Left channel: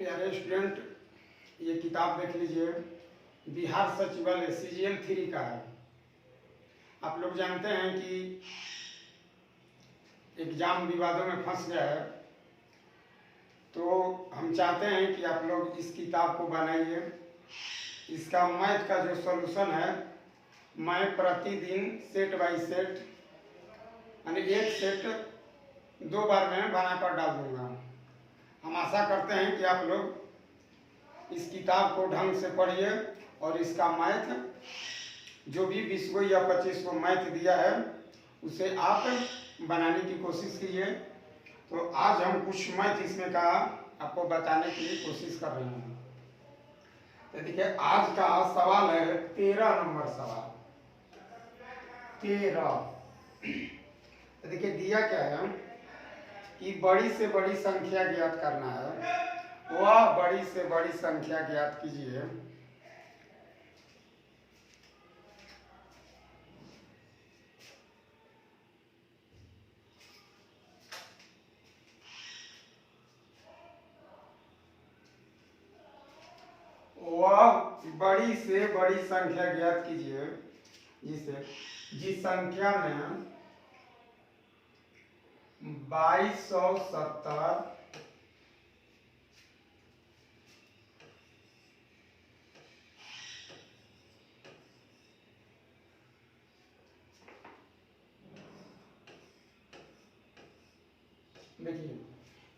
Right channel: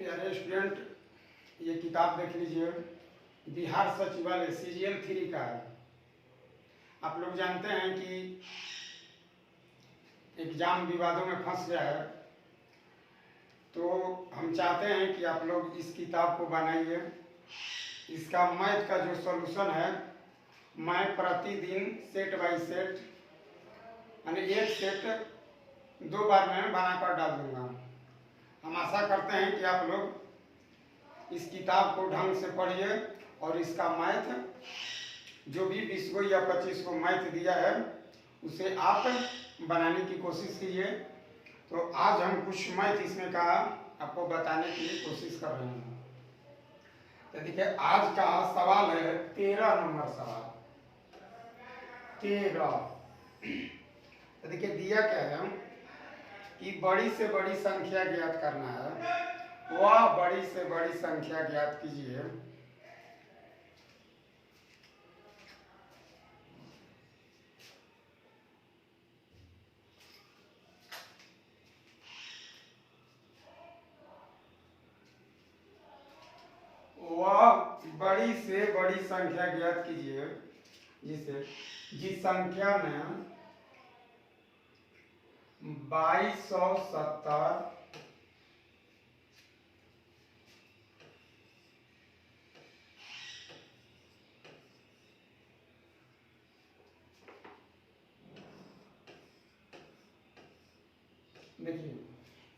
प्यारे स्टूडेंट, ये किताब देख लीजिए। बिहार सचिवालय CGL 3 का है। आप लोग जानते हैं कि एग्जाम विवादों में फंस गया है, तो हम चाहते हैं कि आप लोग इस किताब को बनाइए। इसका मैथ का जो सॉल्यूशन है, मैं प्रतिदिन सेट बाय सेट यानी एक सेट 2 बार में बनाकर डाल दूंगा। हम आशा करते हैं कि आप लोग इस किताब को ढंग से पढ़िए और इसका मैथ जो भी 20 को या 25 को मैथ दिया है उसे आप बनाने की कोशिश कीजिए। तो आज हम कुछ मैथ इसमें का आपको बताने की कोशिश कर रहे हैं। तो देखिए, आज का सवाल है 13 नंबर सवाल। 13। तो देखिए दिया क्या है कि बड़ी से बड़ी संख्या ज्ञात करना है। वह बड़ी से बड़ी संख्या ज्ञात कीजिए बड़ी से बड़ी संख्या ज्ञात कीजिए जिस संख्या में 2270 देखिए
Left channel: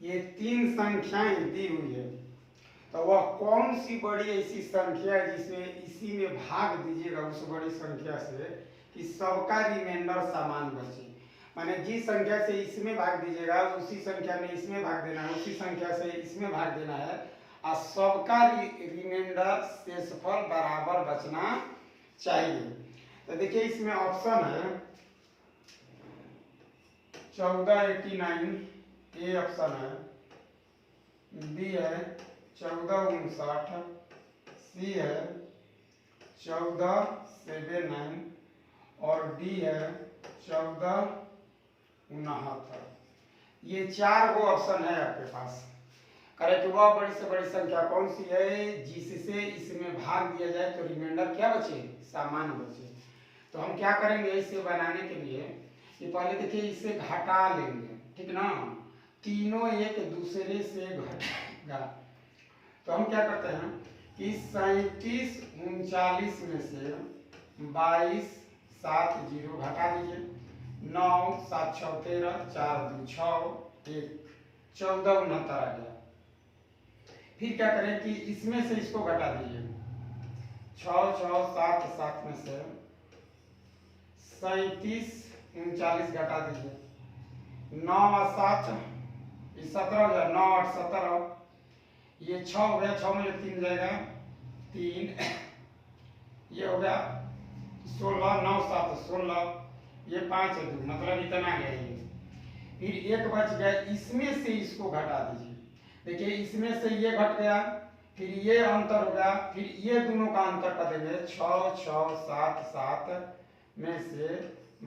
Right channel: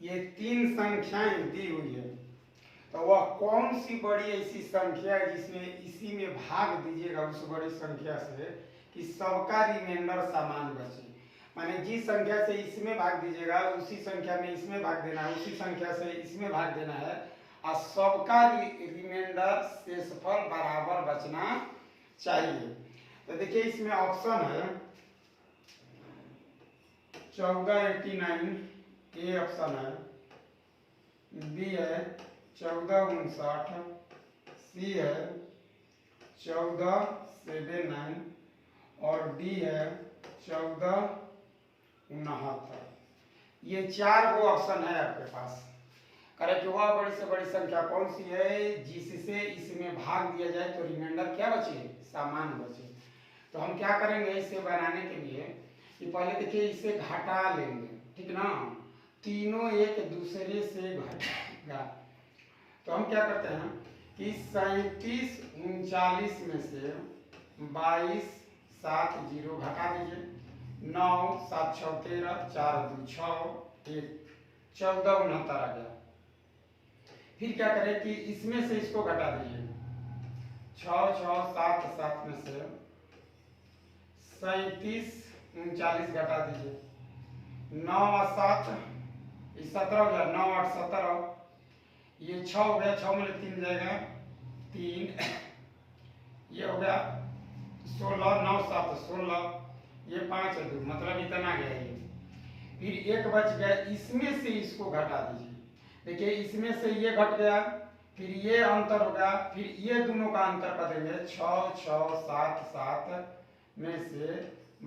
ये 3 संख्याएं दी हुई है, तो वह कौन सी बड़ी ऐसी संख्या है जिसमें इसी में भाग दीजिएगा उस बड़ी संख्या से कि सबका रिमाइंडर समान बचे। माने जिस संख्या से इसमें भाग दीजिएगा उसी संख्या में इसमें भाग देना है, उसी संख्या से इसमें भाग देना है और सबका रिमाइंडर शेषफल बराबर बचना चाहिए। तो देखिए इसमें ऑप्शन है 1489, ए ऑप्शन है, बी है 1459, सी है 1479 और डी है 1469। ये 4 गो ऑप्शन है आपके पास। करे कि वह बड़ी से बड़ी संख्या कौन सी है जिससे इसमें भाग दिया जाए तो रिमाइंडर क्या बचे, समान बचे। तो हम क्या करेंगे इसे बनाने के लिए कि पहले देखिए इसे घटा लेंगे, ठीक ना। तीनों एक दूसरे से घटेगा, तो हम क्या करते हैं कि 37 39 में से 22 7 0 घटा दीजिए। 9 7 6 13 4 2 6 1 14 69 आ गया। फिर क्या करें कि इसमें से इसको घटा दीजिए। 6 6 7 7 में से 37 39 घटा दीजिए। 9 और 7 17 हो गया। 9 8 17, ये 6 हो गया। 6 में 3 जाएगा 3, ये हो गया 16। 9 7 16, ये 5 है 2, मतलब इतना गया ये। फिर एक बच गया, इसमें से इसको घटा दीजिए। देखिए इसमें से ये घट गया, फिर ये अंतर हो गया, फिर ये दोनों का अंतर कर देंगे। 6 6 7 7 में से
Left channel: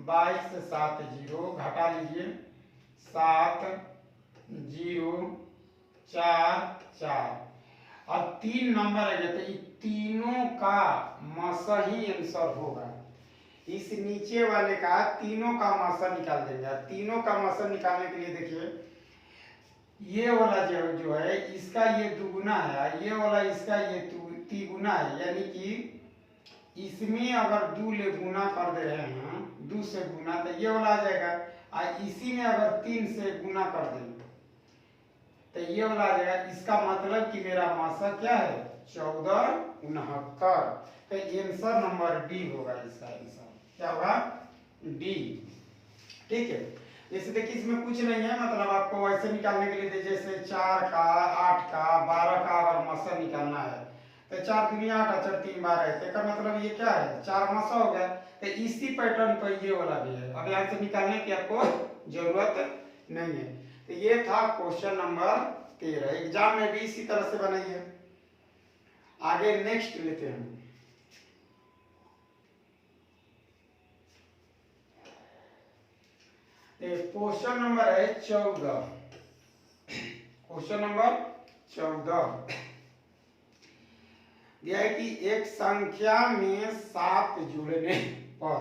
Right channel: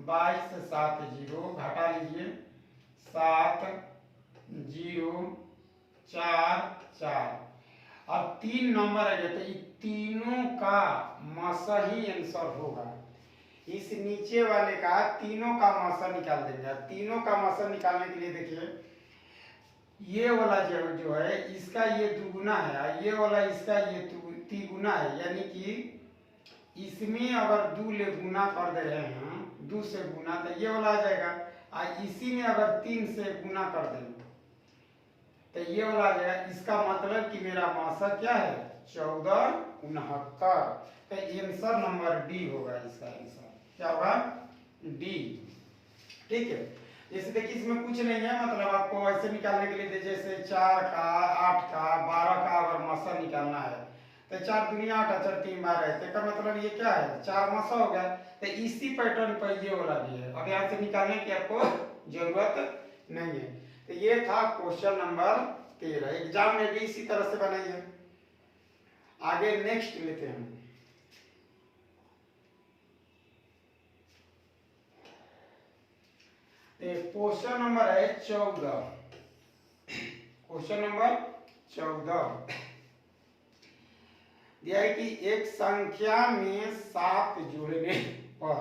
22 7 0 घटा लीजिए। 7 0 4 4 और 3 नंबर आ गया। तो ये तीनों का मासा ही आंसर होगा। इस नीचे वाले का तीनों का मासा निकाल देंगे। तीनों का मासा निकालने के लिए देखिए ये वाला जो है इसका ये दुगुना है, ये वाला इसका ये तिगुना है, यानी कि इसमें अगर 2 ले गुना कर दे रहे हैं, 2 से गुना, तो ये वाला आ जाएगा। और इसी में अगर 3 से गुना कर देंगे तो ये वाला आ जाएगा। इसका मतलब कि मेरा मासा क्या है 1469। तो आंसर नंबर डी होगा। इसका आंसर क्या होगा, डी। ठीक है। जैसे देखिए इसमें कुछ नहीं है, मतलब आपको वैसे निकालने के लिए जैसे 4 का 8 का 12 का अगर मासा निकालना है तो 4 दुनिया 8 4 3 12 है। तो मतलब ये क्या है 4 मासा हो गया। तो इसी पैटर्न पर ये वाला भी है। अब यहाँ से निकालने की आपको जरूरत नहीं है। तो ये था क्वेश्चन नंबर 13। एग्जाम में भी इसी तरह से बनाइए। आगे नेक्स्ट लेते हैं। क्वेश्चन नंबर है 14। क्वेश्चन नंबर 14 यह है कि एक संख्या में 7 जुड़ने पर,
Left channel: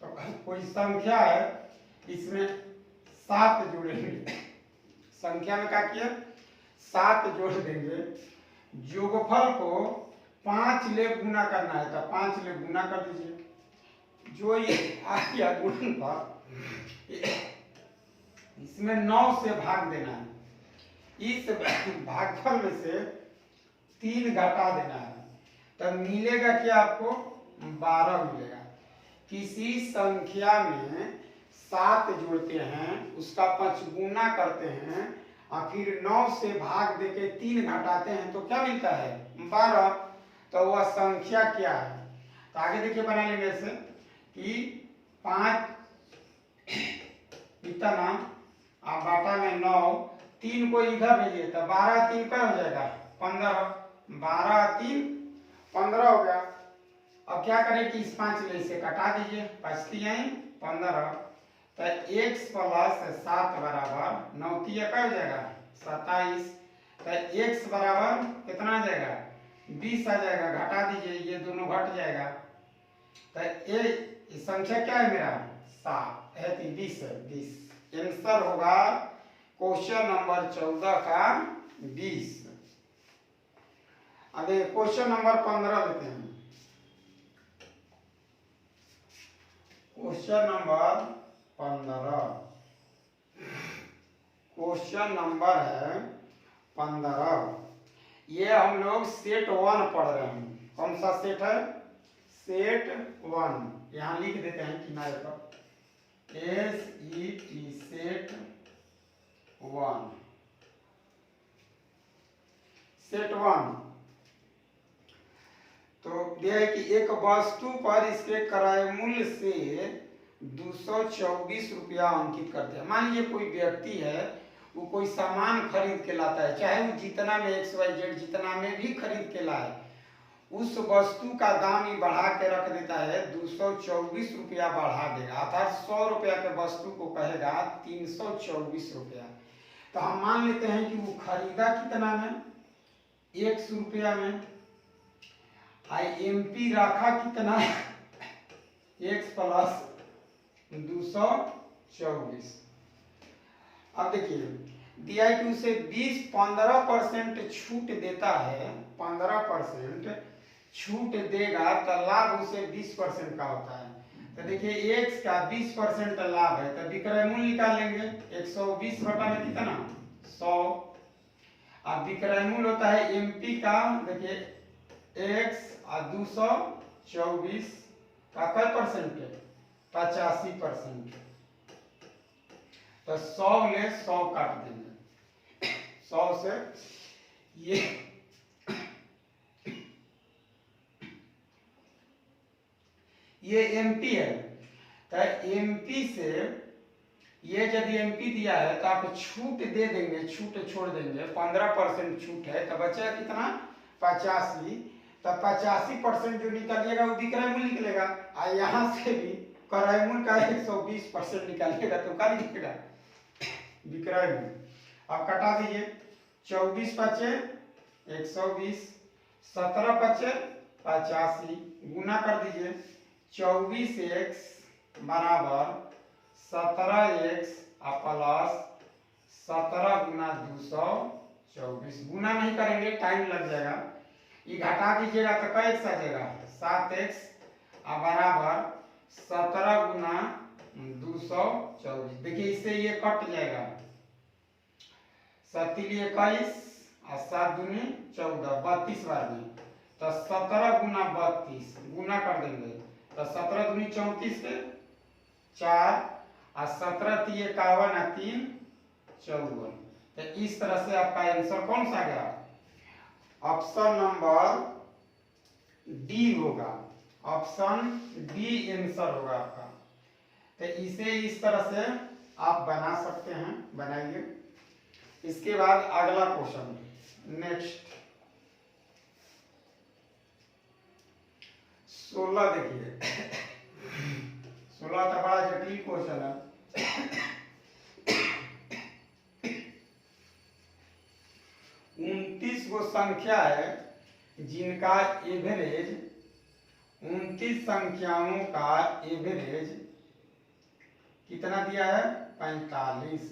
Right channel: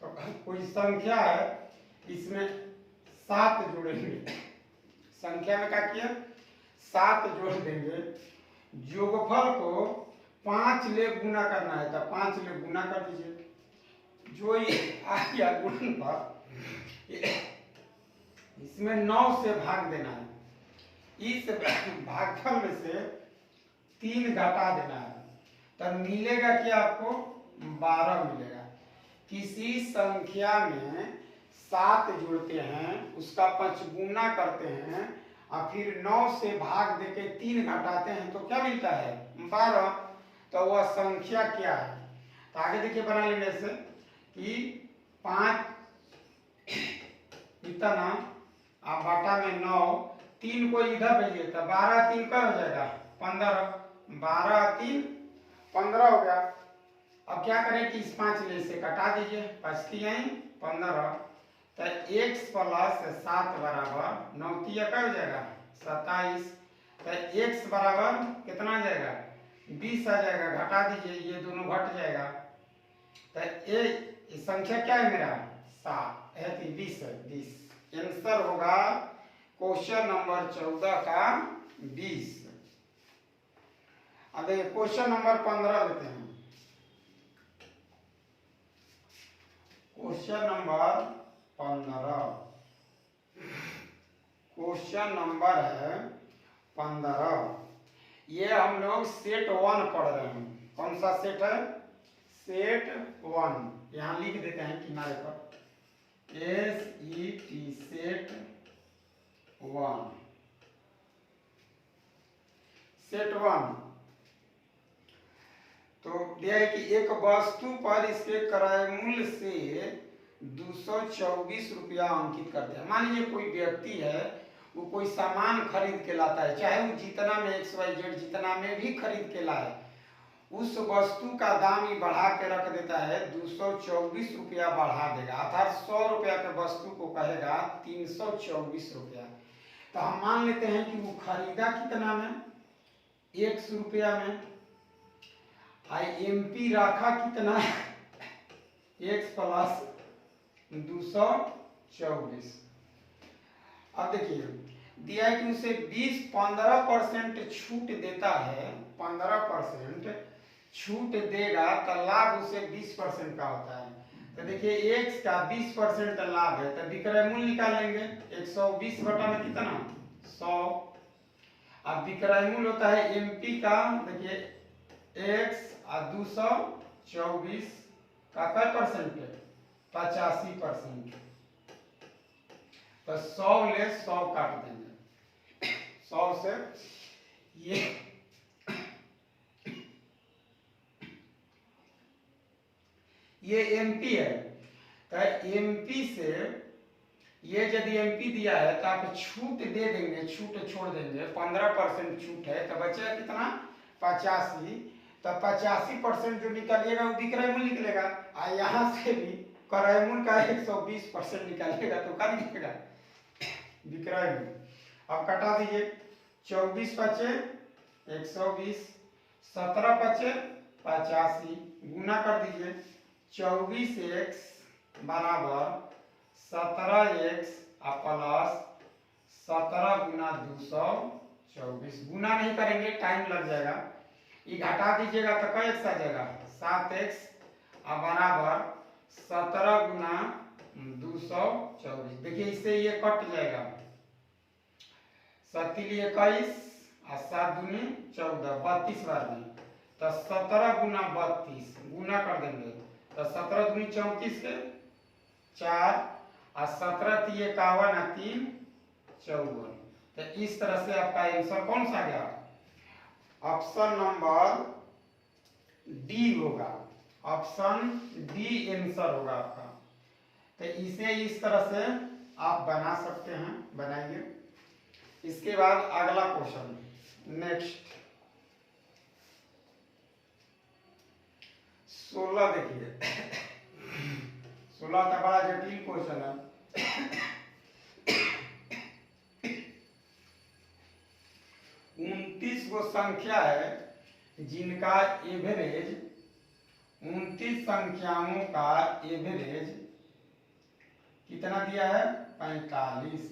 तो कोई संख्या है इसमें 7 जुड़ेंगे, संख्या में क्या किया 7 जोड़ देंगे, योगफल को 5 ले गुना करना है तो 5 ले गुना कर दीजिए, जो ये आ गया गुणनफल इसमें 9 से भाग देना है, इस भागफल में से 3 घटा देना है, तब मिलेगा क्या आपको 12 मिलेगा। किसी संख्या में 7 जोड़ते हैं, उसका 5 गुना करते हैं और फिर 9 से भाग देके 3 घटाते हैं तो क्या मिलता है 12, तो वह संख्या क्या है। तो आगे देखिए बना लेंगे ऐसे कि 5 इतना आप बाटा में 9, 3 को इधर भेजिए तो 12 3 क्या हो जाएगा 15, 12 3 15 हो गया। अब क्या करें कि इस 5 ले से कटा दीजिए, 5 3 15, तो x प्लस 7 बराबर 9 3 क्या हो जाएगा 27, तो x बराबर कितना आ जाएगा 20 आ जाएगा, घटा दीजिए ये दोनों घट जाएगा, तो ये संख्या क्या है मेरा 7 है, 20 आंसर होगा क्वेश्चन नंबर 14 का 20। अब क्वेश्चन नंबर 15 लेते हैं। क्वेश्चन नंबर 15, क्वेश्चन नंबर है 15, ये हम लोग सेट 1 पढ़ रहे हैं। कौन सा सेट है सेट 1, यहाँ लिख देते हैं किनारे पर SET सेट 1, सेट 1। तो यह है कि एक वस्तु पर इसके क्रय मूल्य से 224 रुपया अंकित करते हैं। मान लीजिए कोई व्यक्ति है, वो कोई सामान खरीद के लाता है, चाहे वो जितना में XYZ जितना में भी खरीद के लाए, उस वस्तु का दाम ही बढ़ा के रख देता है, 224 रुपया बढ़ा देगा, अर्थात 100 रुपया के वस्तु को कहेगा 324 रुपया। तो हम मान लेते हैं कि वो खरीदा कितना में 100 रुपया में, MP रखा कितना x प्लस 224। अब देखिए दिया है कि उसे 15% छूट देता है, 15% छूट देगा तो लाभ उसे 20% का होता है। तो देखिए x का 20% लाभ है, तो विक्रय मूल्य निकालेंगे 120 घटा में कितना 100। अब विक्रय मूल्य होता है MP का, देखिए x और 224 का क्या परसेंट है 85%, तो 100 ले 100 काट देंगे, 100 से ये MP है, तो MP से ये यदि MP दिया है तो आप छूट दे देंगे, छूट छोड़ देंगे, 15% छूट है तो बचेगा कितना 85, तो 85% जो निकलेगा वो विक्रय मूल्य निकलेगा, और यहाँ से भी क्रय मूल्य का 120% निकालेगा तो क्या निकलेगा विक्रय मूल्य। अब कटा दीजिए, 24 बचे 120, 17 बचे 85, गुना कर दीजिए, 24x बराबर 17x प्लस 17 गुना 224, गुना नहीं करेंगे टाइम लग जाएगा, ये घटा दीजिएगा तो क्या x आ जाएगा 7x बराबर 17 गुना 224। देखिए इससे ये कट जाएगा, 7 21 और 7 दूनी 14, 32 बार में, तो 17 गुना 32 गुना कर देंगे, तो 17 दूनी 34 से 4 और 17 3 51 और 3 54। तो इस तरह से आपका आंसर कौन सा गया, ऑप्शन नंबर डी होगा, ऑप्शन डी आंसर होगा आपका। तो इसे इस तरह से आप बना सकते हैं, बनाइए। इसके बाद अगला क्वेश्चन, नेक्स्ट 16 देखिए 16 का बड़ा जटिल क्वेश्चन है। 29 संख्या है जिनका एवरेज 29 संख्याओं का एवरेज कितना दिया है 45।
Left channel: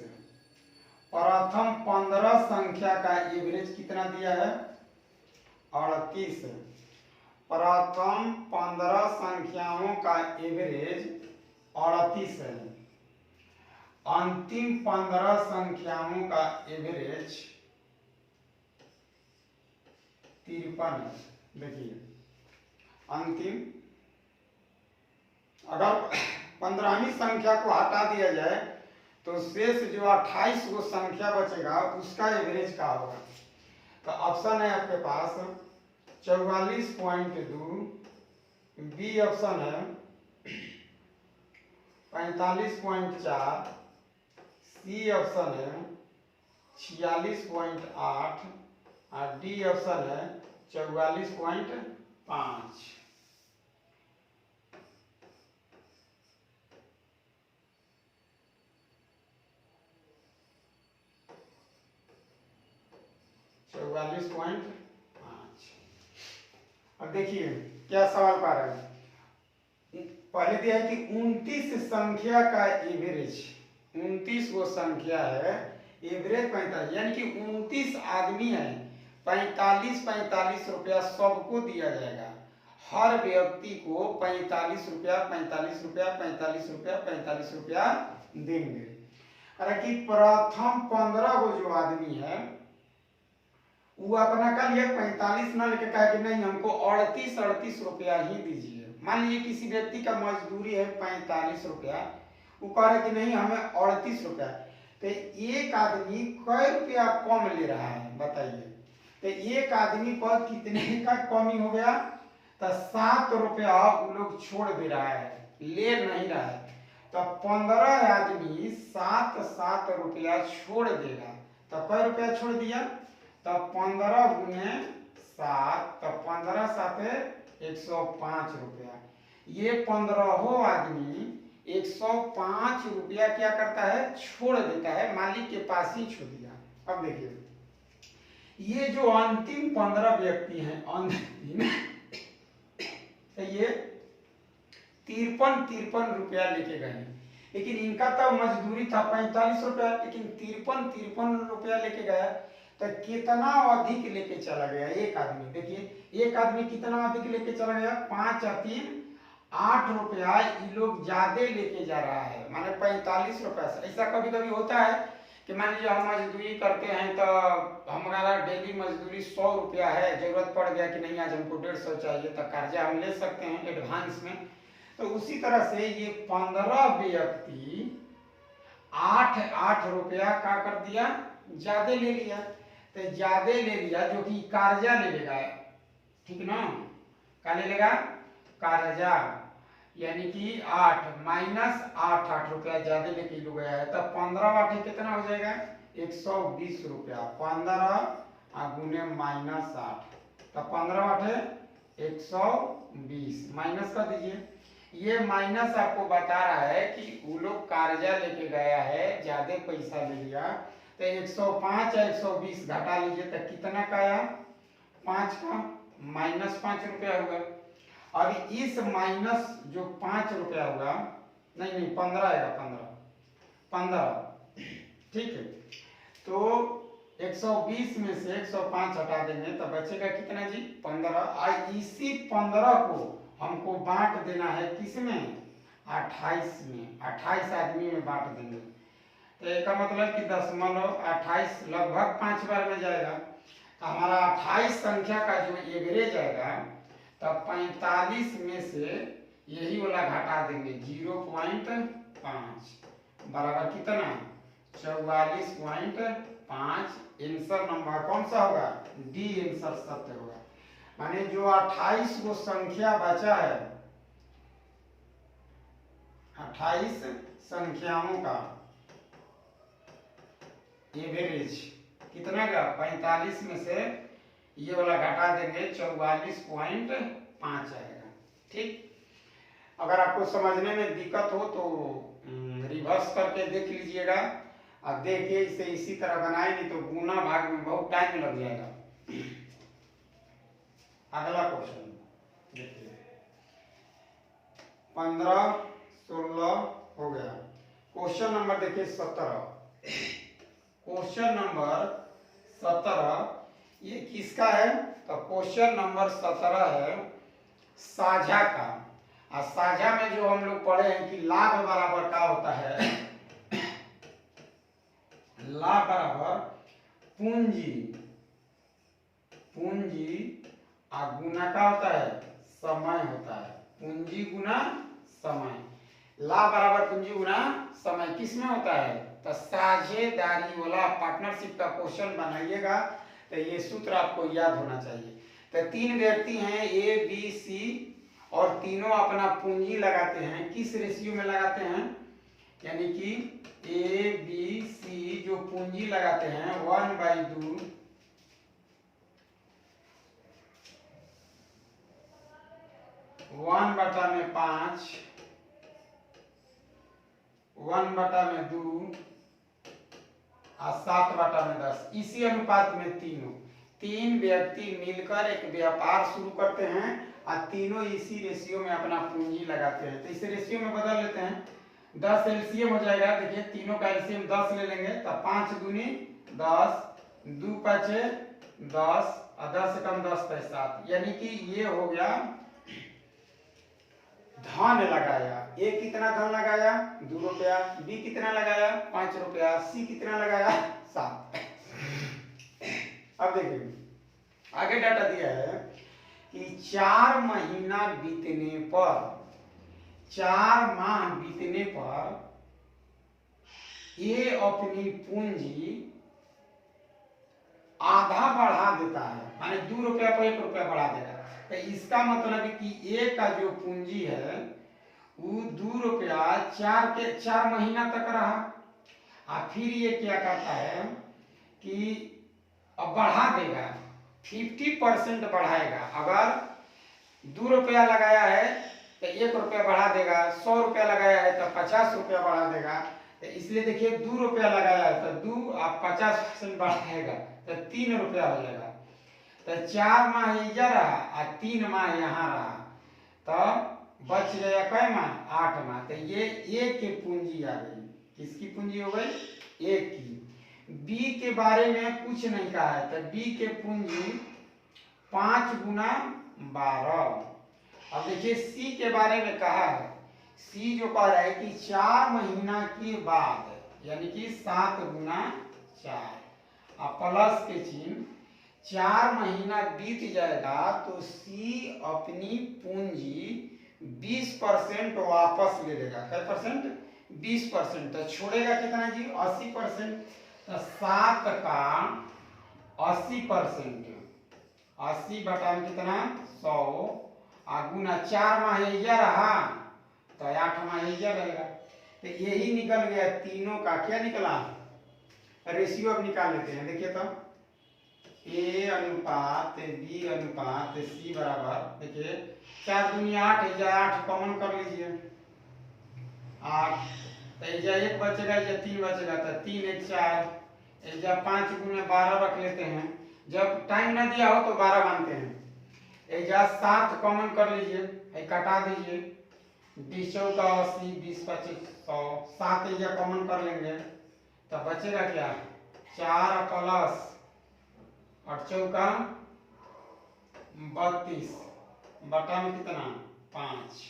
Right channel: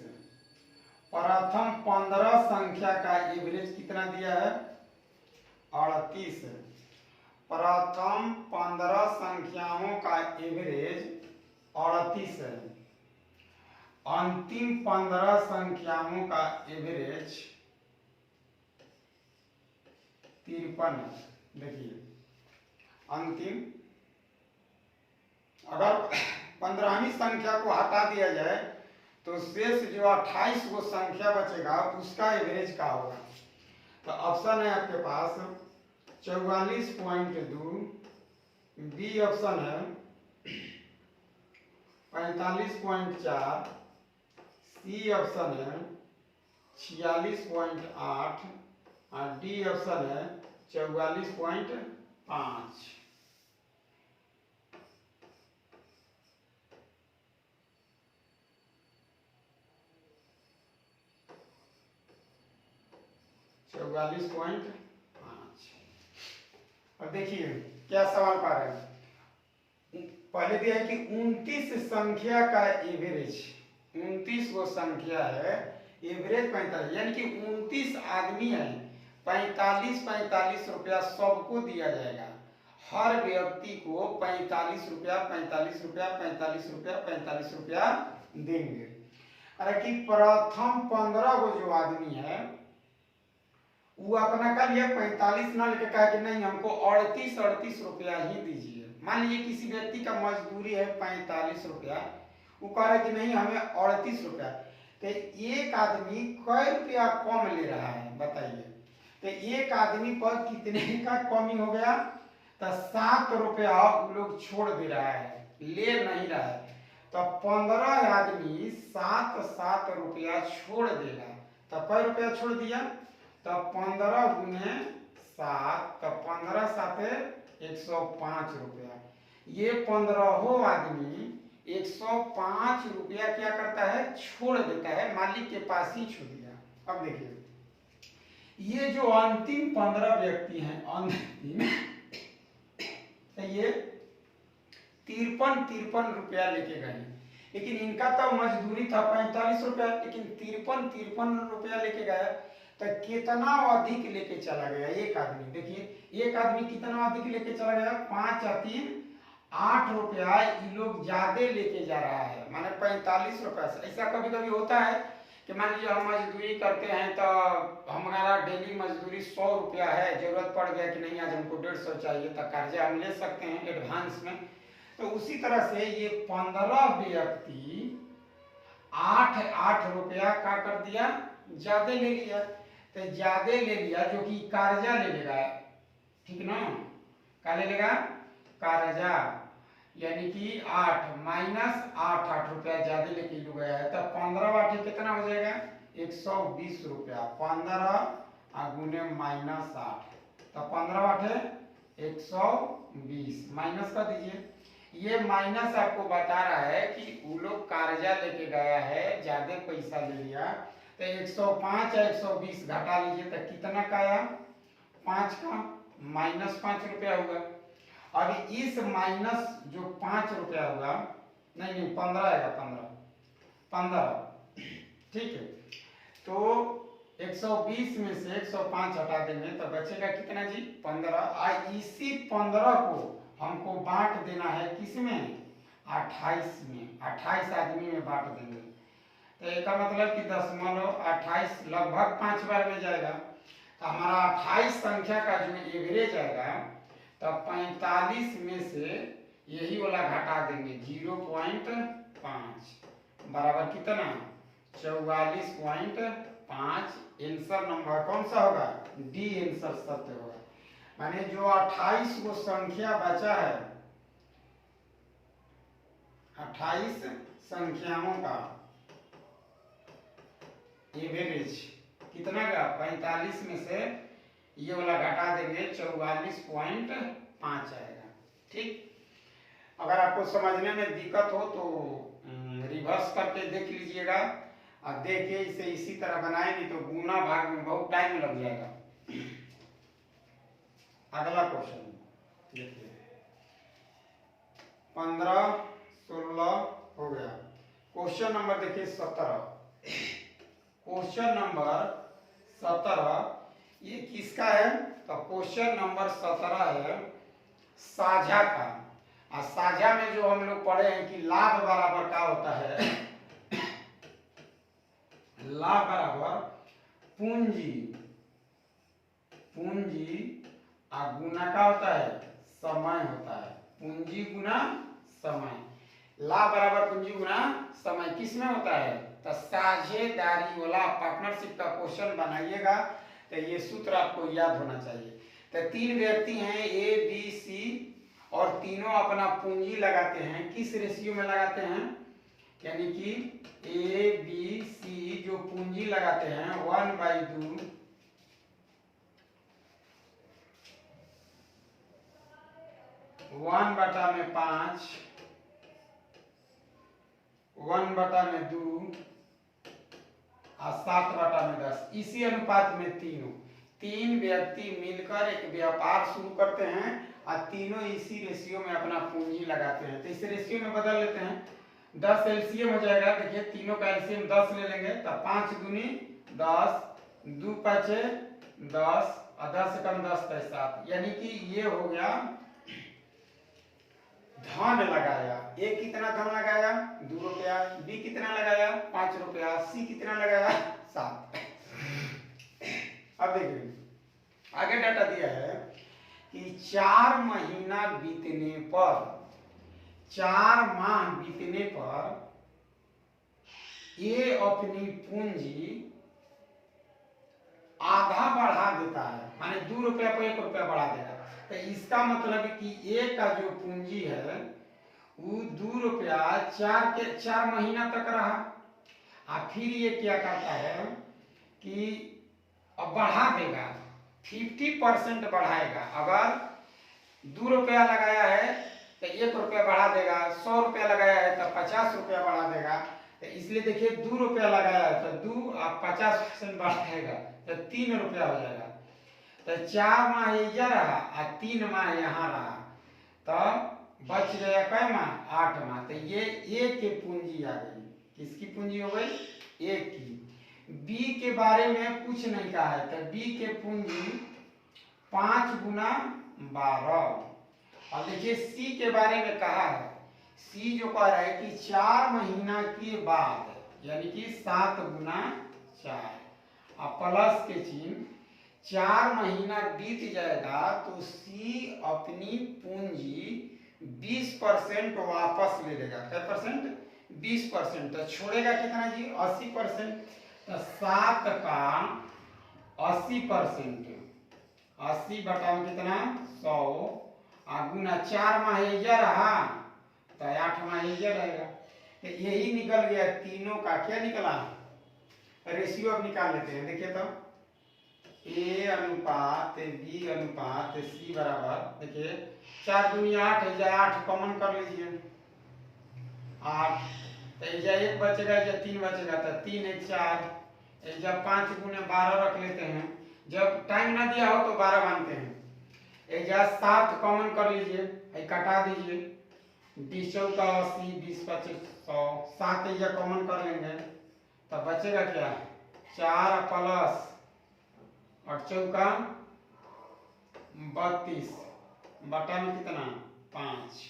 प्रथम 15 संख्या का एवरेज कितना दिया है 38। प्रथम 15 संख्याओं का एवरेज 38 है। अंतिम 15 संख्याओं का एवरेज 53 है। देखिए अंतिम, अगर 15वीं संख्या को हटा दिया जाए तो शेष जो 28 वो संख्या बचेगा उसका एवरेज क्या होगा। तो ऑप्शन है आपके पास 44.2, बी ऑप्शन है 45.4, सी ऑप्शन है 46.8 और डी ऑप्शन है 44.5। अब देखिए क्या सवाल पा रहे हैं। पहले दिया है कि 29 संख्या का एवरेज, 29 वो संख्या है, एवरेज 45, यानी कि 29 आदमी है, 45 रुपया सबको दिया जाएगा। हर व्यक्ति को 45 रुपया 45 रुपया 45 रुपया 45 रुपया देंगे। अरे कि प्रथम 15 वो जो आदमी है वो अपना कल ये 45 ना लेके कहा कि नहीं हमको 38 रुपया ही दीजिए। मान लीजिए किसी व्यक्ति का मजदूरी है 45 रुपया, वो कह रहा है कि नहीं हमें 38 रुपया, तो एक आदमी कै रुपया कम ले रहा है बताइए। तो एक आदमी पर कितने का कमी हो गया, तो 7 रुपया वो लोग छोड़ दे रहा है, ले नहीं रहा है। तो 15 आदमी 7 रुपया छोड़ देगा, तो कै रुपया छोड़ दिया, तो 15 गुने 7, तो 15 साथे 105 रुपया। ये 15 आदमी 105 रुपया क्या करता है छोड़ देता है, मालिक के पास ही छोड़ दिया। अब देखिए ये जो अंतिम 15 व्यक्ति हैं अंतिम तो ये 53 रुपया लेके गए, लेकिन इनका तो मजदूरी था 45 रुपया, लेकिन 53 रुपया लेके गया। तो कितना अधिक लेके चला गया एक आदमी। देखिए एक आदमी कितना अधिक लेके चला गया, 5 और 3 8 रुपया ये लोग ज्यादा लेके जा रहा है, माने 45 रुपया से। ऐसा कभी कभी होता है कि मान लीजिए हम मजदूरी करते हैं तो हमारा डेली मजदूरी 100 रुपया है, जरूरत पड़ गया कि नहीं आज हमको 150 चाहिए, तो कर्जा हम ले सकते हैं एडवांस में। तो उसी तरह से ये 15 व्यक्ति 8 रुपया का कर दिया, ज्यादा ले लिया। तो ज्यादा ले लिया जो कि कर्जा ले लेगा, ठीक ना, क्या ले लेगा कर्जा, यानी कि 8 माइनस 8 रुपया ज्यादा लेके लो गया है। तो 15 वाटे कितना हो जाएगा 120 रुपया, 15 गुने माइनस 8, तो 15 वाटे 120 माइनस कर दीजिए। ये माइनस आपको बता रहा है कि वो लोग कर्जा लेके गया है, ज्यादा पैसा ले लिया। तो 105 या 120 घटा लीजिए तो कितना का आया 5 का, माइनस 5 रुपया होगा। अब इस माइनस जो 5 रुपया होगा, नहीं 15 आएगा, 15 ठीक है। तो 120 में से 105 हटा देंगे तो बचेगा कितना जी 15। इसी 15 को हमको बांट देना है किसमें 28 में, 28 आदमी में बांट देंगे। तो इसका मतलब कि 0.28 लगभग 5 बार में जाएगा। तो हमारा 28 संख्या का जो एवरेज आएगा तो 45 में से यही वाला घटा देंगे 0.5 बराबर कितना 44.5। आंसर नंबर कौन सा होगा डी आंसर सत्य होगा। माने जो 28 वो संख्या बचा है, 28 संख्याओं का एवरेज कितना का 45 में से ये वाला घटा देंगे 44.5 आएगा। ठीक, अगर आपको समझने में दिक्कत हो तो रिवर्स करके देख लीजिएगा। अब देखिए इसे इसी तरह बनाएंगे तो गुना भाग में बहुत टाइम लग जाएगा। अगला क्वेश्चन देखिए, 15 16 हो गया। क्वेश्चन नंबर देखिए 17। क्वेश्चन नंबर 17 ये किसका है? तो क्वेश्चन नंबर 17 है साझा का। और साझा में जो हम लोग पढ़े हैं कि लाभ बराबर का होता है, लाभ बराबर पूंजी, पूंजी और गुना का होता है समय होता है। पूंजी गुना समय। लाभ बराबर पूंजी गुना समय किस में होता है? तो साझेदारी वाला पार्टनरशिप का क्वेश्चन बनाइएगा तो ये सूत्र आपको याद होना चाहिए। तो तीन व्यक्ति हैं ए बी सी और तीनों अपना पूंजी लगाते हैं। किस रेशियो में लगाते हैं? यानी कि ए बी सी जो पूंजी लगाते हैं 1/2 1/5 1/2 और 7/10। इसी अनुपात में तीन व्यक्ति मिलकर एक व्यापार शुरू करते हैं और तीनों इसी रेशियो में अपना पूंजी लगाते हैं। तो इस रेशियो में बदल लेते हैं, 10 एलसीएम हो जाएगा। देखिए तीनों का एलसीएम 10 ले लेंगे तो 5 दूनी 10, 2 5 10 और 10 से कम 10 पैसे 7। यानी कि ये हो गया धन लगाया। ए कितना धन लगाया? 2 रुपया। बी कितना लगाया? 5 रुपया। सी कितना लगाया? 7। अब देखिए आगे डाटा दिया है कि 4 महीना बीतने पर, 4 माह बीतने पर ये अपनी पूंजी आधा बढ़ा देता है, माने 2 रुपया पर 1 रुपया बढ़ा देगा। तो इसका मतलब है कि ए का जो पूंजी है वो 2 रुपया 4 महीना तक रहा। और फिर ये क्या करता है कि अब बढ़ा देगा, 50% बढ़ाएगा। अगर 2 रुपया लगाया है तो 1 रुपया बढ़ा देगा, 100 रुपया लगाया है तो 50 रुपया बढ़ा देगा। तो इसलिए देखिए 2 रुपया लगाया है तो 2 और 50% बढ़ाएगा तो 3 रुपया हो जाएगा। तो 4 माह इधर रहा और 3 माह यहाँ रहा, तो बच गया कै माह? 8 माह। तो ये एक की पूंजी आ गई। किसकी पूंजी हो गई? एक की। बी के बारे में कुछ नहीं कहा है तो बी के पूंजी 5 गुना 12। अब देखिए सी के बारे में कहा है, सी जो कह रहा है कि 4 महीना के बाद यानी कि 7 गुना 4 और प्लस के चिन्ह, 4 महीना बीत जाएगा तो सी अपनी पूंजी 20% वापस ले लेगा। क्या परसेंट? 20%। तो छोड़ेगा कितना जी? 80%। तो 7 का 80%, 80 बटा में कितना? 100 और गुना 4 माह यह रहा तो 8 माह यह रहेगा। तो यही निकल गया तीनों का। क्या निकला? रेशियो अब निकाल लेते हैं। देखिए तो ए अनुपात बी अनुपात सी बराबर, देखिए 4 दूनी 8 है, 8 कॉमन कर लीजिए 8। तो एजा 1 बचेगा, एजा 3 बचेगा तो 3 1 4, एजा 5 गुने 12 रख लेते हैं। जब टाइम ना दिया हो तो 12 मानते हैं। एजा 7 कॉमन कर लीजिए, कटा दीजिए, 20 चौका 80, 20 25 100, 7 एजा कॉमन कर लेंगे तो बचेगा क्या? 4 प्लस और चौका 32 बटा में कितना? 5।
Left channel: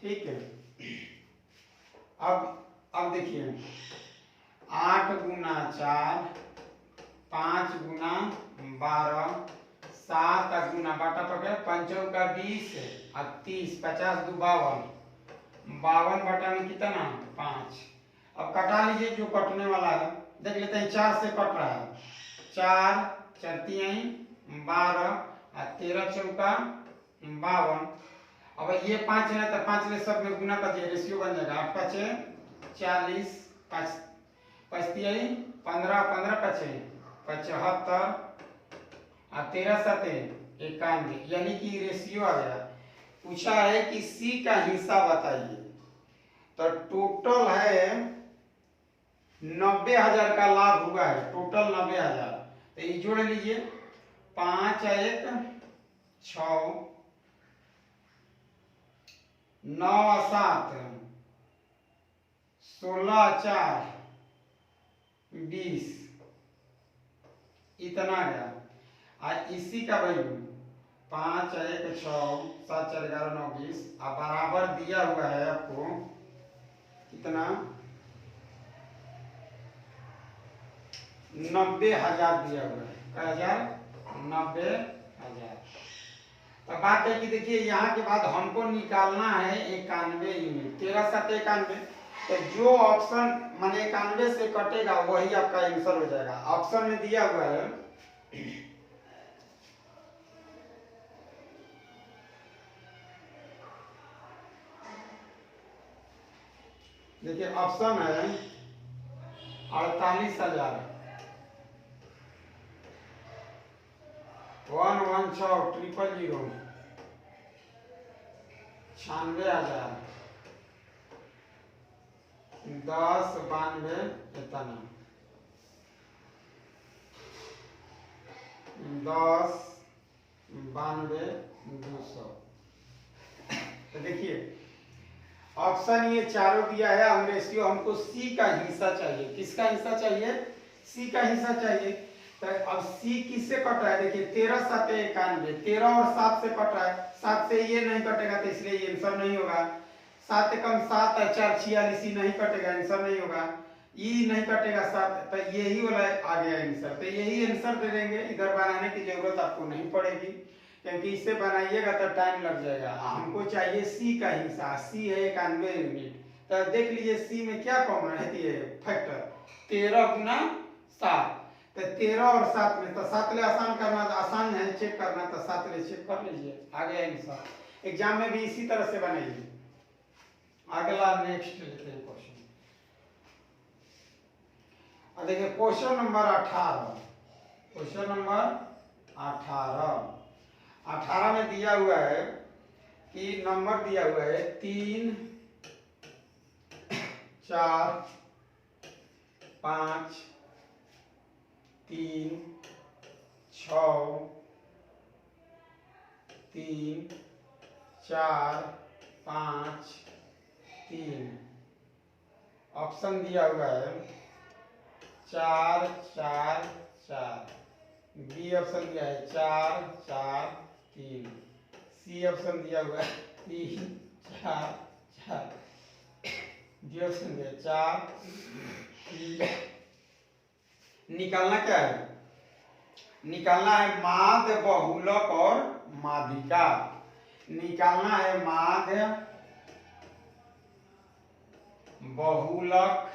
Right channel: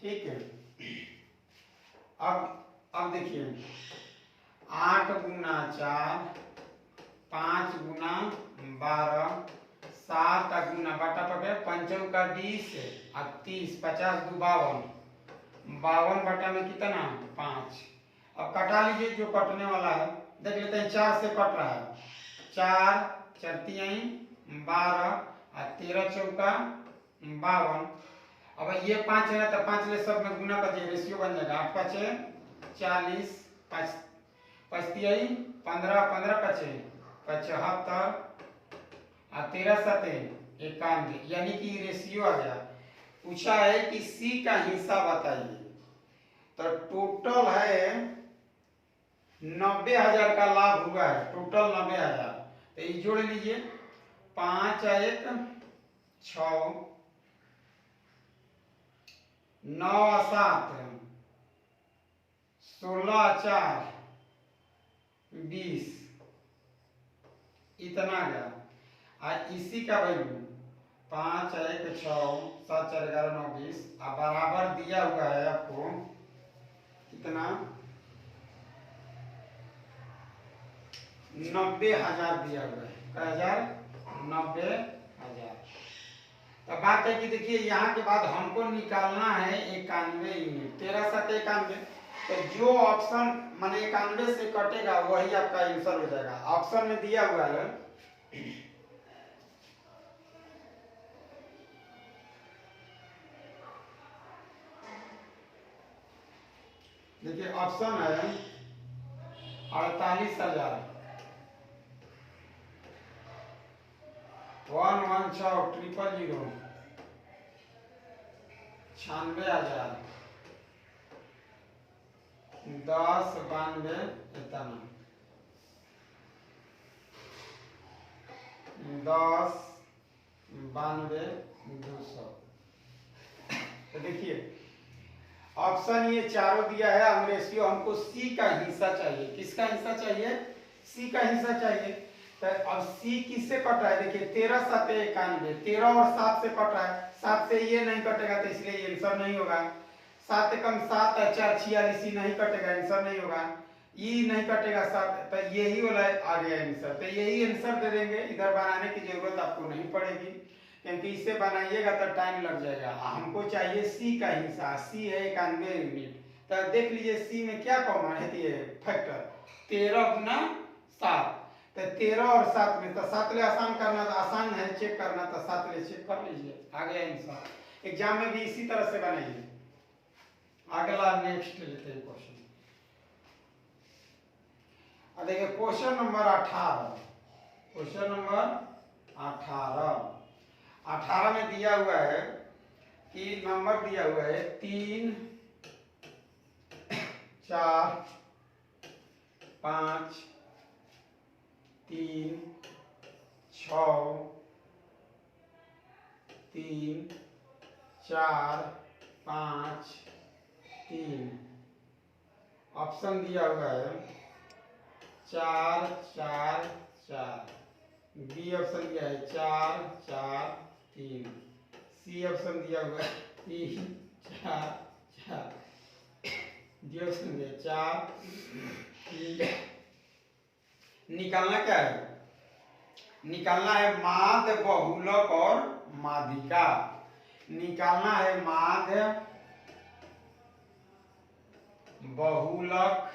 ठीक है। अब देखिए 8 गुना 4, 5 गुना 12, 7 का गुना बटा पकड़े 5 का 20 और 30, 50 2 52, 52 बटा में कितना? 5। अब कटा लीजिए जो कटने वाला है। देख लेते हैं 4 से कट रहा है, 4 4 3 12 और 13 चौका 52। अब ये 5 है तो 5 ले सब में गुना कर दिए, रेशियो बन जाएगा 8 5 40, 5 5 3 15, 15 5 75 और 13 7 91। यानी कि रेशियो आ गया। पूछा है कि सी का हिस्सा बताइए। तो टोटल है 90,000 का लाभ हुआ है, टोटल 90,000। तो ये जोड़ लीजिए 5 1 6, 9 7, 16 4 20, इतना गया। आज इसी का वैल्यू 5 1 6 7 4 11 9 20, अब बराबर दिया हुआ है आपको कितना 90,000 दिया हुआ है। क्या हजार? 90,000। तो बात है कि देखिए यहाँ के बाद हमको निकालना है 91 यूनिट, 13 7 91। तो जो ऑप्शन माने 91 से कटेगा वही आपका आंसर हो जाएगा। ऑप्शन में दिया हुआ है देखिए ऑप्शन है 48,000, 1 1 6 0 0 0, 96,000, 10 92 इतना, 10 92 200। तो देखिए ऑप्शन ये चारों दिया है। हम रेशियो हमको सी का हिस्सा चाहिए। किसका हिस्सा चाहिए? सी का हिस्सा चाहिए। तो अब सी किससे कट रहा है? देखिए 13 7 91, 13 और 7 से कट रहा है। 7 से ये नहीं कटेगा तो इसलिए ये आंसर नहीं होगा। 7 कम 7 है 4 46, नहीं कटेगा, आंसर नहीं होगा। ई नहीं कटेगा 7, तो यही वाला आ गया आंसर। तो यही आंसर दे देंगे। इधर बनाने की जरूरत आपको नहीं पड़ेगी, क्योंकि इससे बनाइएगा तो टाइम लग जाएगा। हमको चाहिए सी का हिस्सा। सी है 91 यूनिट। तो देख लीजिए सी में क्या कॉमन रहती है? फैक्टर 13 गुना 7। तो 13 और 7 में तो 7 ले आसान करना, तो आसान है चेक करना, तो 7 ले चेक कर लीजिए, आ गया आंसर। एग्जाम में भी इसी तरह से बनाइए। अगला नेक्स्ट लेते हैं क्वेश्चन। देखिए क्वेश्चन नंबर 18। क्वेश्चन नंबर 18 में दिया हुआ है कि नंबर दिया हुआ है 3 4 5 3 6 3 4 5 3। ऑप्शन दिया हुआ है 4 4 4। बी ऑप्शन दिया है 4 4 3। सी ऑप्शन दिया हुआ है 3 4 4। डी ऑप्शन दिया 4 3। निकालना क्या है? निकालना है माध्य, बहुलक और माध्यिका। निकालना है माध्य, बहुलक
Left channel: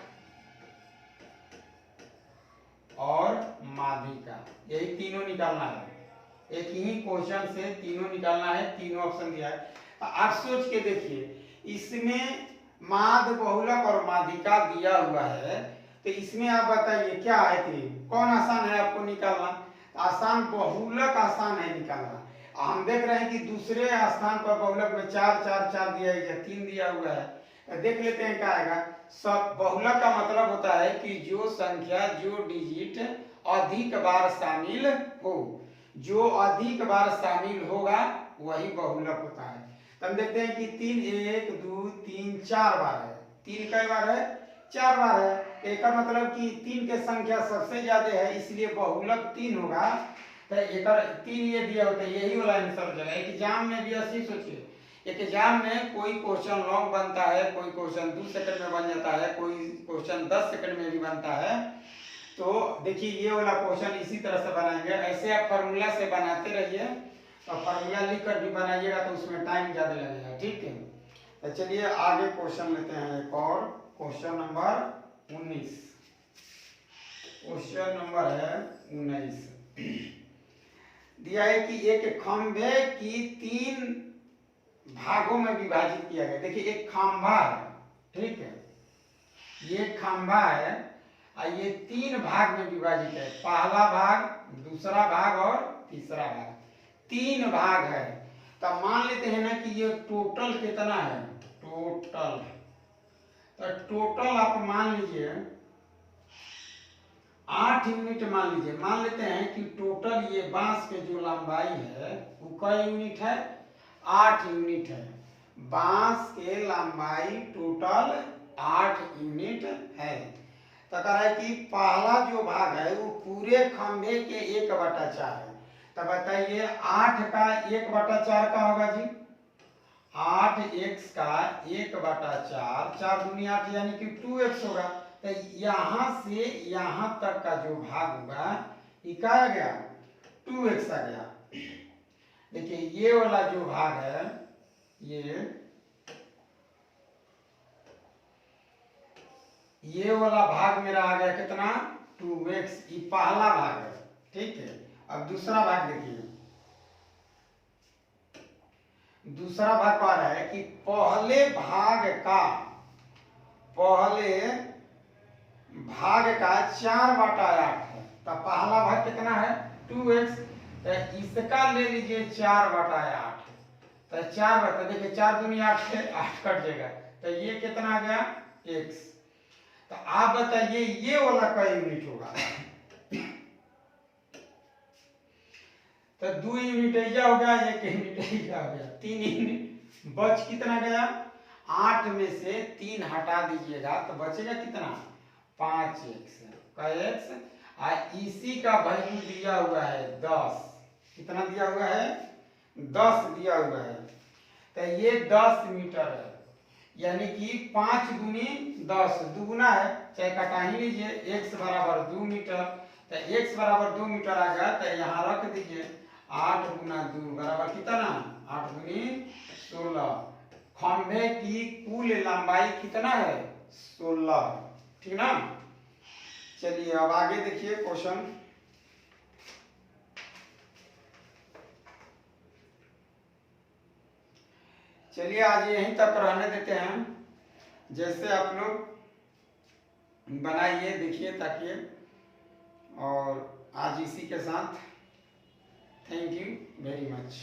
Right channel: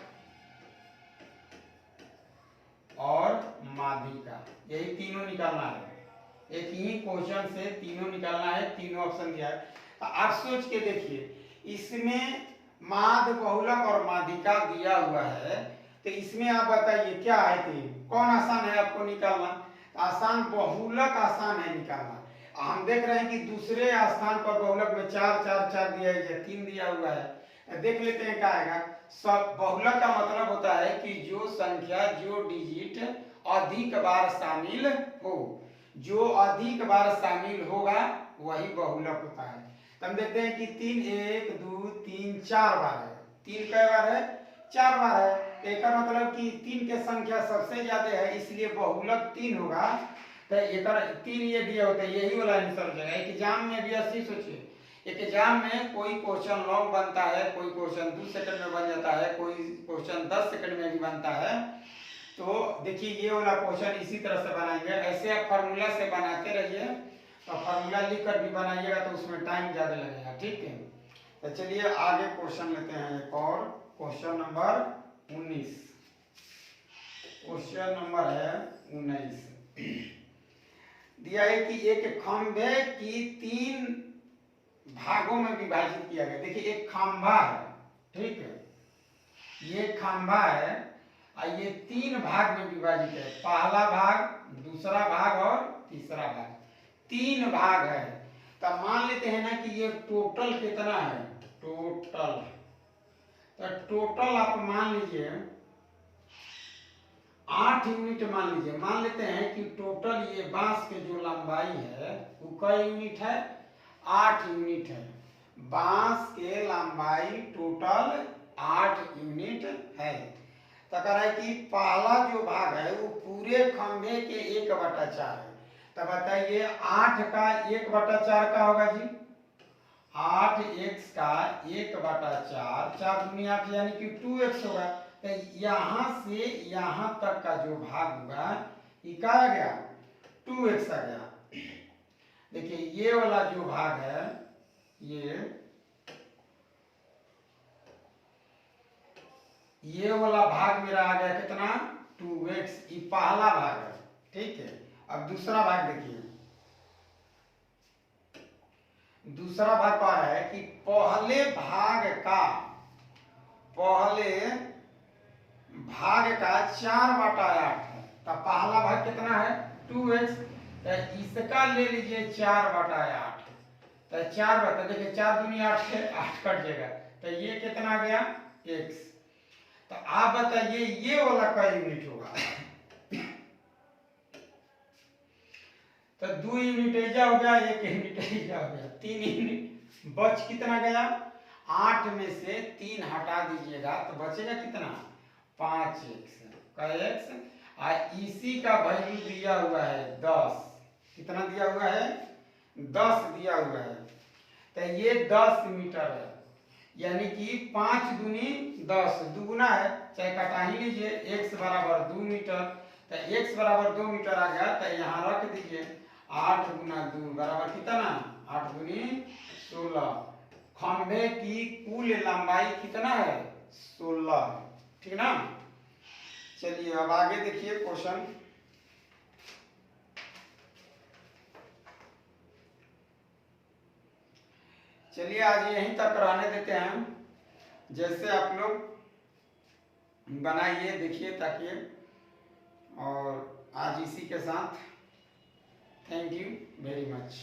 और माध्यिका, यही तीनों निकालना है। एक ही क्वेश्चन से तीनों निकालना है। तीनों ऑप्शन दिया है। आप सोच के देखिए, इसमें माध्य, बहुलक और माध्यिका दिया हुआ है, तो इसमें आप बताइए क्या है कि कौन आसान है आपको निकालना? आसान बहुलक आसान है निकालना। हम देख रहे हैं कि दूसरे स्थान पर बहुलक में 4 4 4 दिया है, 3 दिया हुआ है। देख लेते हैं क्या आएगा। सब बहुलक का मतलब होता है कि जो संख्या, जो डिजिट अधिक बार शामिल हो, जो अधिक बार शामिल होगा वही बहुलक होता है। तो हम देखते हैं कि 3 1 2 3 4 बार है। 3 कई बार है? 4 बार है। तो एक मतलब कि 3 के संख्या सबसे ज्यादा है, इसलिए बहुलक 3 होगा। तो एक 3 ये दिया होता है, यही वाला आंसर हो जाएगा। एग्जाम में भी ऐसे सोचिए, एक एग्जाम में कोई क्वेश्चन लॉन्ग बनता है, कोई क्वेश्चन 2 सेकंड में बन जाता है, कोई क्वेश्चन 10 सेकंड में भी बनता है। तो देखिए ये वाला क्वेश्चन इसी तरह से बनाएंगे। ऐसे आप फार्मूला से बनाते रहिए, और फार्मूला लिख कर भी बनाइएगा तो उसमें टाइम ज्यादा लगेगा। ठीक है, तो चलिए आगे क्वेश्चन लेते हैं एक और। Question number 19। क्वेश्चन नंबर है 19। दिया है कि एक खंभे की 3 भागों में विभाजित किया गया। देखिए एक खंभा है, ठीक है, ये खंभा है और ये 3 भाग में विभाजित है। पहला भाग, दूसरा भाग और तीसरा भाग, 3 भाग है। तो मान लेते हैं ना कि ये टोटल कितना है? टोटल, तो टोटल आप मान लीजिए 8 यूनिट मान लीजिए, मान लेते हैं कि टोटल ये बांस के जो लंबाई है वो कई यूनिट है, 8 यूनिट है। बांस के लंबाई टोटल 8 यूनिट है। तो कह रहा है कि पहला जो भाग है वो पूरे खंभे के 1/4 है। तो बताइए 8 का 1/4 का होगा जी, 8x का 1/4, 4 दूनी 8 यानी कि 2x होगा। तो यहाँ से यहाँ तक का जो भाग होगा ये क्या आ गया, 2x आ गया। देखिए ये वाला जो भाग है ये वाला भाग मेरा आ गया कितना, 2x, ये पहला भाग है। ठीक है, अब दूसरा भाग देखिए, दूसरा भाग कह रहा है कि पहले भाग का 4/8 है। तो पहला भाग कितना है, 2x, तो इसका ले लीजिए 4/8। तो 4 बता, देखिए 4 दूनी 8 से 8 कट जाएगा, तो ये कितना आ गया, x। तो आप बताइए ये वाला का यूनिट होगा। तो 2 यूनिट ऐजा हो गया, 1 यूनिट ऐजा हो गया, 3 यूनिट बच कितना गया, 8 में से 3 हटा दीजिएगा तो बचेगा कितना, 5x का x। इसी का वैल्यू दिया हुआ है 10, कितना दिया हुआ है, 10 दिया हुआ है। तो ये 10 मीटर है, यानी कि 5 दूनी 10, दुगुना है, चाहे कटा ही लीजिए, x बराबर 2 मीटर। तो x बराबर 2 मीटर आ गया, तो यहाँ रख दीजिए 8 गुना 2 बराबर कितना, 8 दूनी 16। खंभे की कुल लंबाई कितना है, 16। ठीक ना। चलिए अब आगे देखिए क्वेश्चन। चलिए आज यहीं तक रहने देते हैं, जैसे आप लोग बनाइए देखिए ताकि, और आज इसी के साथ थैंक यू वेरी मच।